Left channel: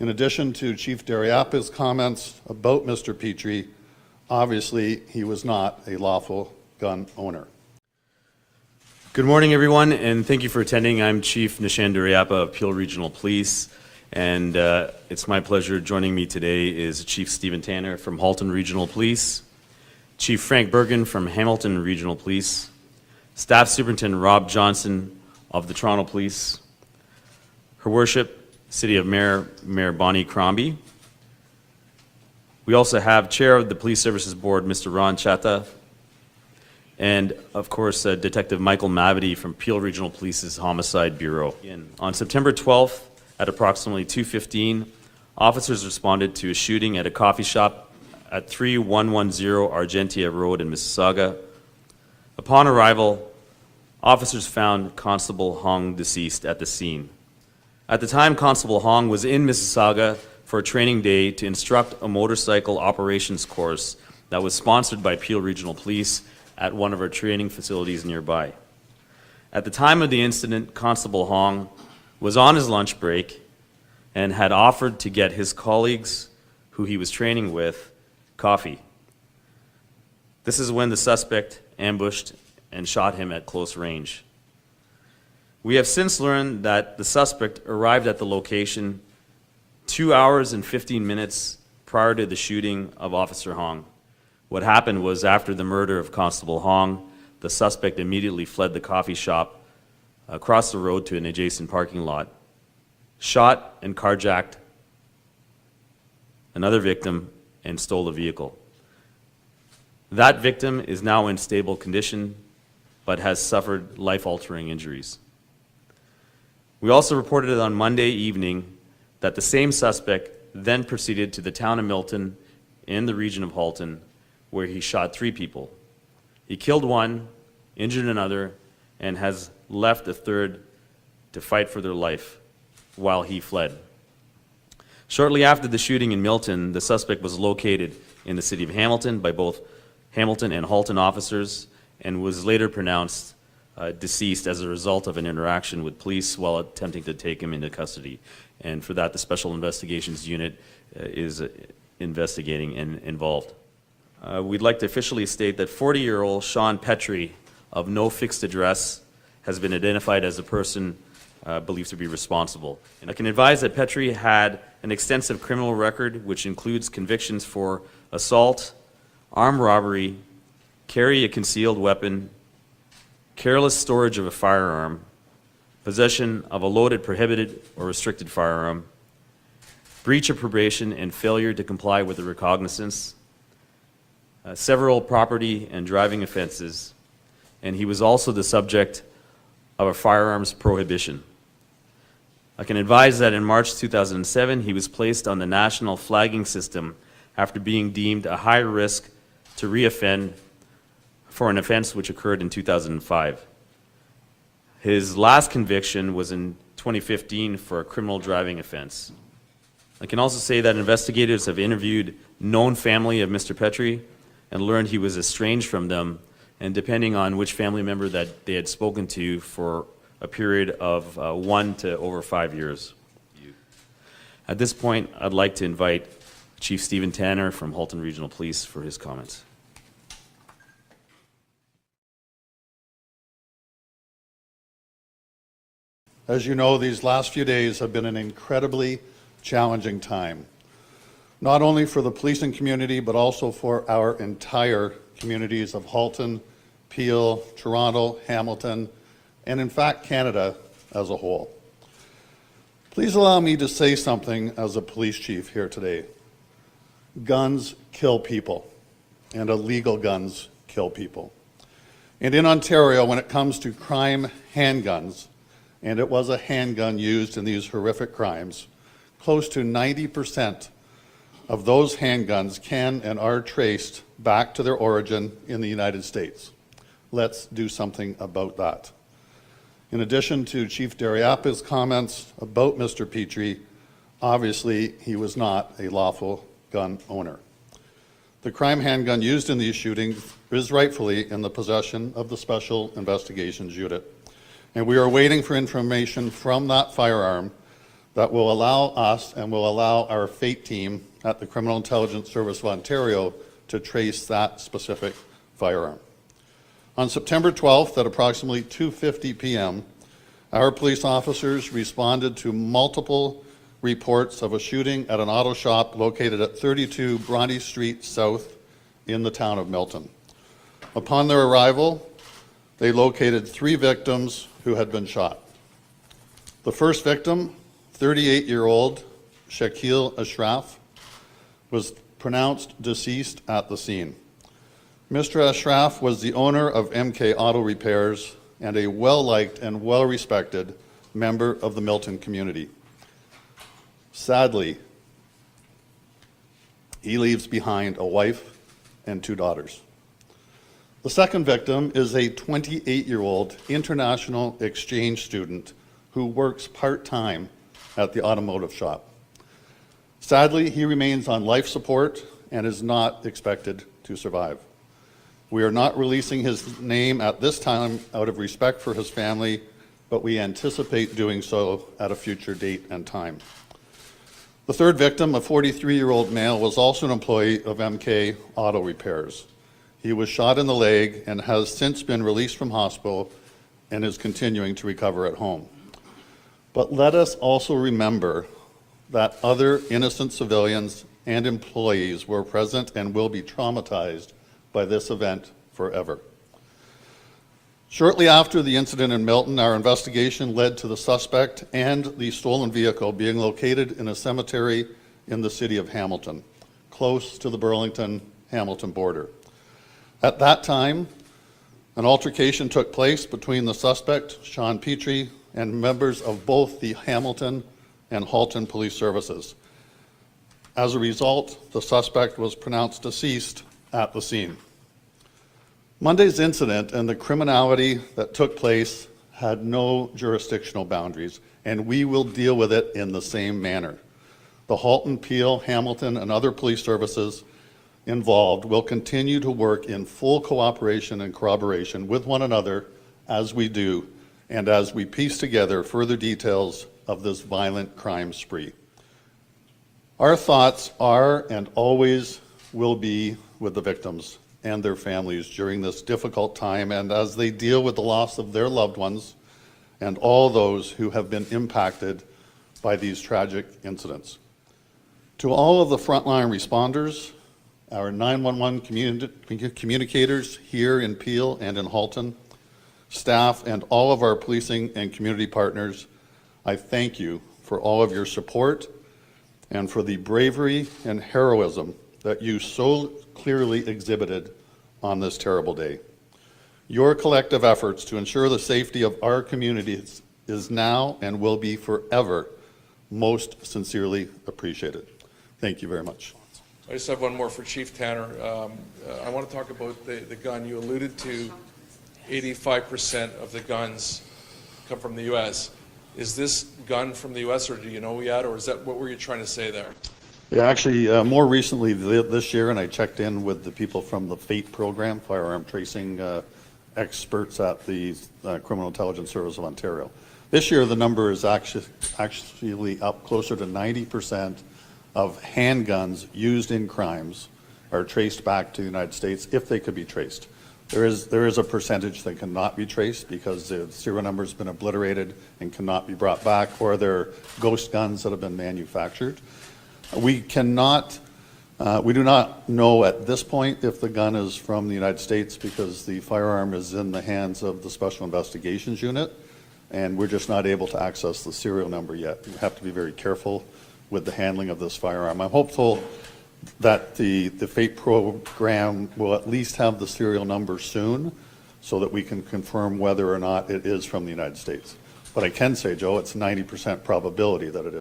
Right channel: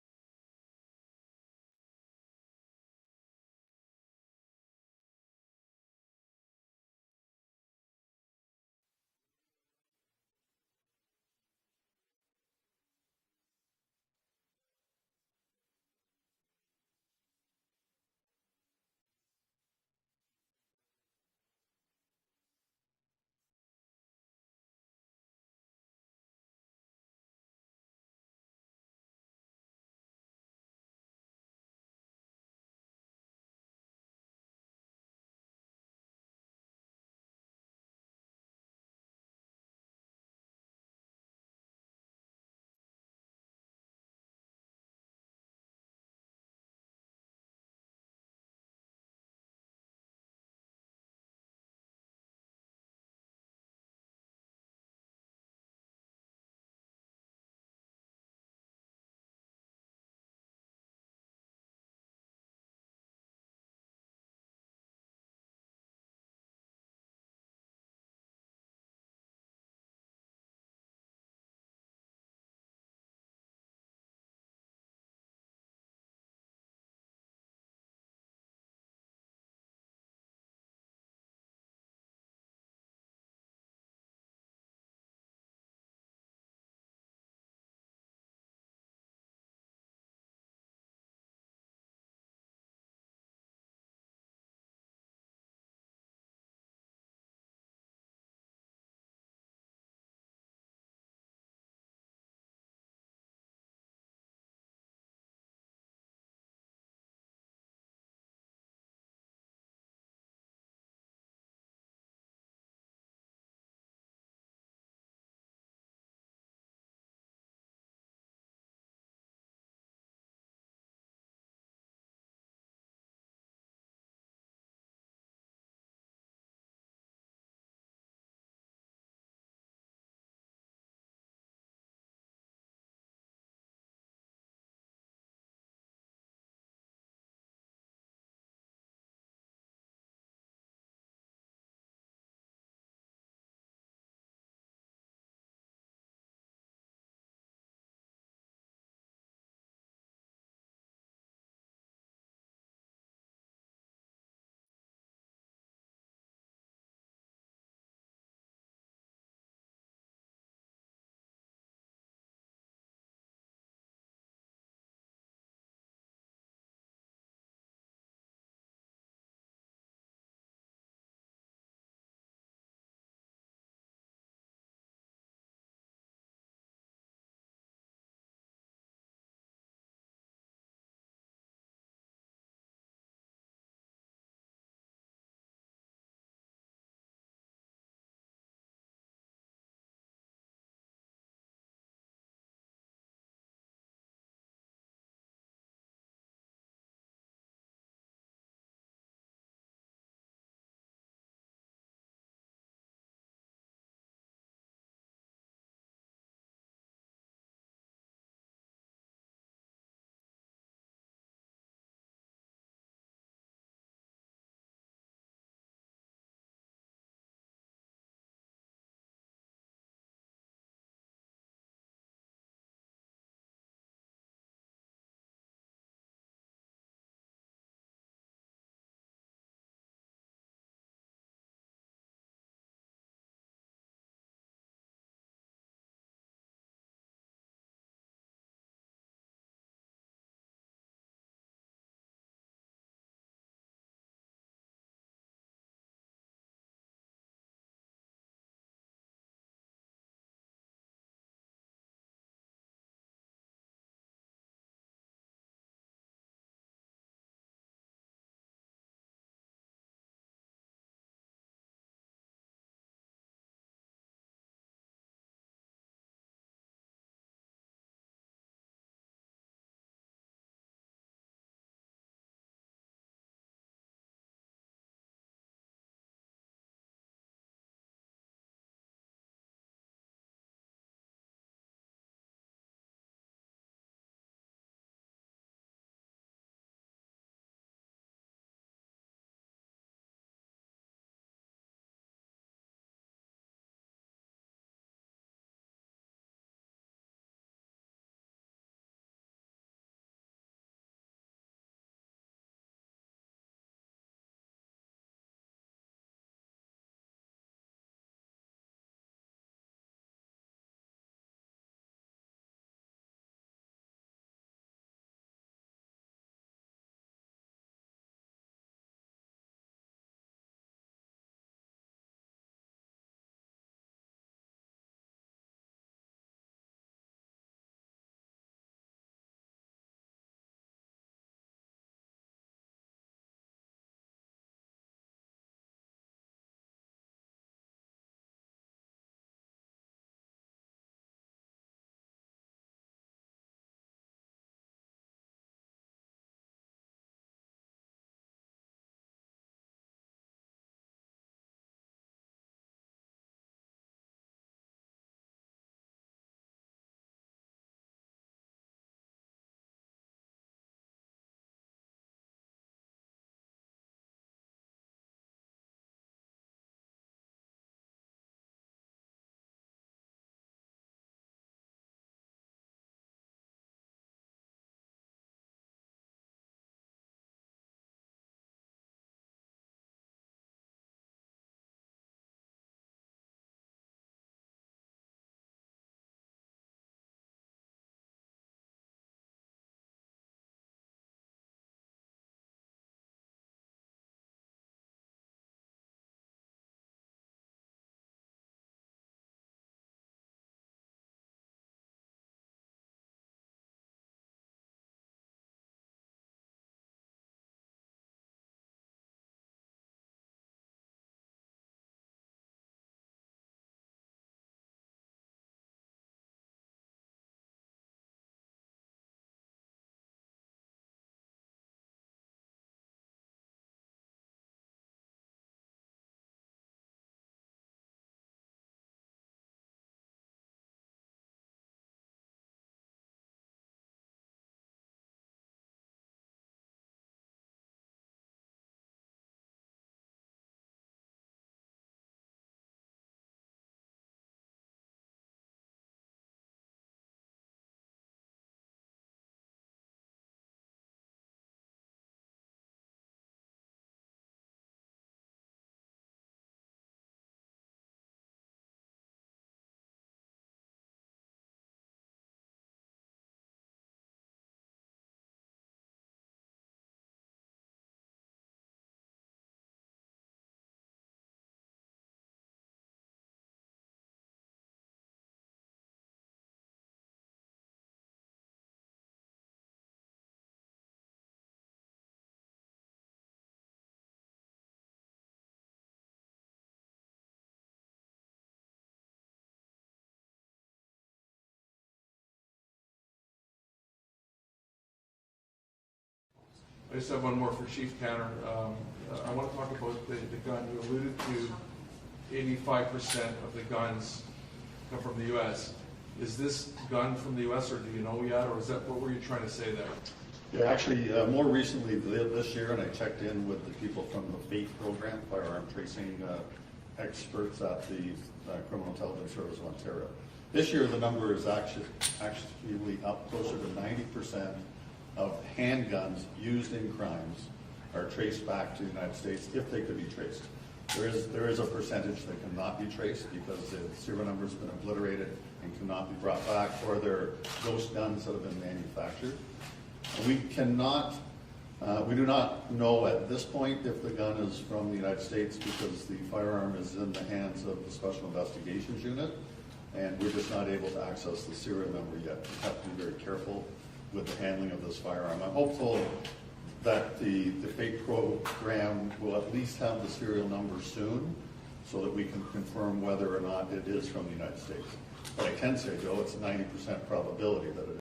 In addition to Chief Dariapa's comments about Mr. Petrie, obviously he was not a lawful gun owner. Good morning, everyone, and thank you for attending. I'm Chief Nishan Dariapa of Peel Regional Police, and it's my pleasure. Joining me today is Chief Stephen Tanner from Halton Regional Police, Chief Frank Bergen from Hamilton Regional Police, Staff Superintendent Rob Johnson of the Toronto Police, Her Worship, City of Mayor Bonnie Crombie. We also have Chair of the Police Services Board, Mr. Ron Chatta, and of course, Detective Michael Mavity from Peel Regional Police's Homicide Bureau. On September 12th, at approximately 2:15, officers responded to a shooting at a coffee shop at 3110 Argentia Road in Mississauga. Upon arrival, officers found Constable Hong deceased at the scene. At the time, Constable Hong was in Mississauga for a training day to instruct a motorcycle operations course that was sponsored by Peel Regional Police at one of our training facilities nearby. At the time of the incident, Constable Hong was on his lunch break and had offered to get his colleagues, who he was training with, coffee. This is when the suspect ambushed and shot him at close range. We have since learned that the suspect arrived at the location 2 hours and 15 minutes prior to the shooting of Officer Hong. What happened was, after the murder of Constable Hong, the suspect immediately fled the coffee shop across the road to an adjacent parking lot, shot and carjacked another victim, and stole the vehicle. That victim is now in stable condition, but has suffered life-altering injuries. We also reported on Monday evening that the same suspect then proceeded to the town of Milton in the region of Halton, where he shot 3 people. He killed one, injured another, and has left a third to fight for their life while he fled. Shortly after the shooting in Milton, the suspect was located in the city of Hamilton by both Hamilton and Halton officers and was later pronounced deceased as a result of an interaction with police while attempting to take him into custody. And for that, the Special Investigations Unit is investigating and involved. We'd like to officially state that 40-year-old Sean Petrie of no fixed address has been identified as the person believed to be responsible. And I can advise that Petrie had an extensive criminal record, which includes convictions for assault, armed robbery, carry a concealed weapon, careless storage of a firearm, possession of a loaded, prohibited, or restricted firearm, breach of probation and failure to comply with the recognizance, several property and driving offenses, and he was also the subject of a firearms prohibition. I can advise that in March 2007, he was placed on the national flagging system after being deemed a high risk to reoffend for an offense which occurred in 2005. His last conviction was in 2015 for a criminal driving offense. I can also say that investigators have interviewed known family of Mr. Petrie and learned he was estranged from them, and depending on which family member that they had spoken to, for a period of 1 to over 5 years. At this point, I'd like to invite Chief Stephen Tanner from Halton Regional Police for his comments. As you know, these last few days have been an incredibly challenging time, not only for the policing community, but also for our entire communities of Halton, Peel, Toronto, Hamilton, and in fact, Canada as a whole. Please allow me to say something as a police chief here today. Guns kill people, and illegal guns kill people. And in Ontario, when it comes to crime handguns, and it was a handgun used in these horrific crimes, close to 90% of those handguns can and are traced back to their origin in the United States. Let's do something about that. In addition to Chief Dariapa's comments about Mr. Petrie, obviously he was not a lawful gun owner. The crime handgun used in these shootings is rightfully in the possession of the Special Investigations Unit, and we are waiting for information from that firearm that will allow us and will allow our FATE team at the Criminal Intelligence Service of Ontario to trace that specific firearm. On September 12th at approximately 2:50 p.m., our police officers responded to multiple reports of a shooting at an auto shop located at 32 Bronte Street South in the town of Milton. Upon their arrival, they located 3 victims who had been shot. The first victim, 38-year-old Shakil Ashraf, was pronounced deceased at the scene. Mr. Ashraf was the owner of MK Auto Repairs and a well-liked and well-respected member of the Milton community. Sadly, he leaves behind a wife and 2 daughters. The second victim is a 28-year-old international exchange student who works part-time at the automotive shop. Sadly, he remains on life support and is not expected to survive. We are not releasing his name at this time out of respect for his family, but we anticipate doing so at a future date and time. The third victim, a 43-year-old male, was also an employee of MK Auto Repairs. He was shot in the leg and has since been released from hospital and is continuing to recover at home. But let us also remember that other innocent civilians and employees were present and will be traumatized by this event forever. Shortly after the incident in Milton, our investigation led to the suspect and the stolen vehicle being located in a cemetery in the city of Hamilton, close to the Burlington-Hamilton border. At that time, an altercation took place between the suspect, Sean Petrie, and members of both the Hamilton and Halton Police Services. As a result, the suspect was pronounced deceased at the scene. Monday's incident and the criminality that took place had no jurisdictional boundaries, and we will deal with it in the same manner. The Halton, Peel, Hamilton, and other police services involved will continue to work in full cooperation and corroboration with one another as we do, and as we piece together further details of this violent crime spree. Our thoughts are and always will be with the victims and their families during this difficult time and as they deal with the loss of their loved ones and all those who have been impacted by these tragic incidents. To all of the frontline responders, our 911 communicators here in Peel and in Halton, staff, and all of our policing and community partners, I thank you for all of your support and for the bravery and heroism that you so clearly exhibited on this terrible day. Your collective efforts to ensure the safety of our communities is now and will be forever most sincerely appreciated. Thank you very much. I just have one more for Chief Tanner. I want to talk about the gun. You alluded to 85% of the guns come from the U.S. Is this gun from the U.S. or do you know yet, or is that what were you trying to say there? Yeah, actually, more recently this year, and I checked in with the people from the FATE program, firearm tracing experts at the Criminal Intelligence Service of Ontario. This year, the number is actually up closer to 90% of handguns used in crimes are traced back to the United States if they could be traced. There is a percentage that cannot be traced because the serial number has been obliterated and cannot be brought back, or they're ghost guns that have been manufactured. We do not know at this point if the gun is from the United States because the firearm is in the hands of the Special Investigations Unit, and we're just not able to access the serial number yet. We have to be very careful with the handling of this firearm. I'm hopeful that the FATE program will at least have the serial number soon so that we can confirm whether or not it is from the United States. But I can say, Joe, it's 90% probability that it is.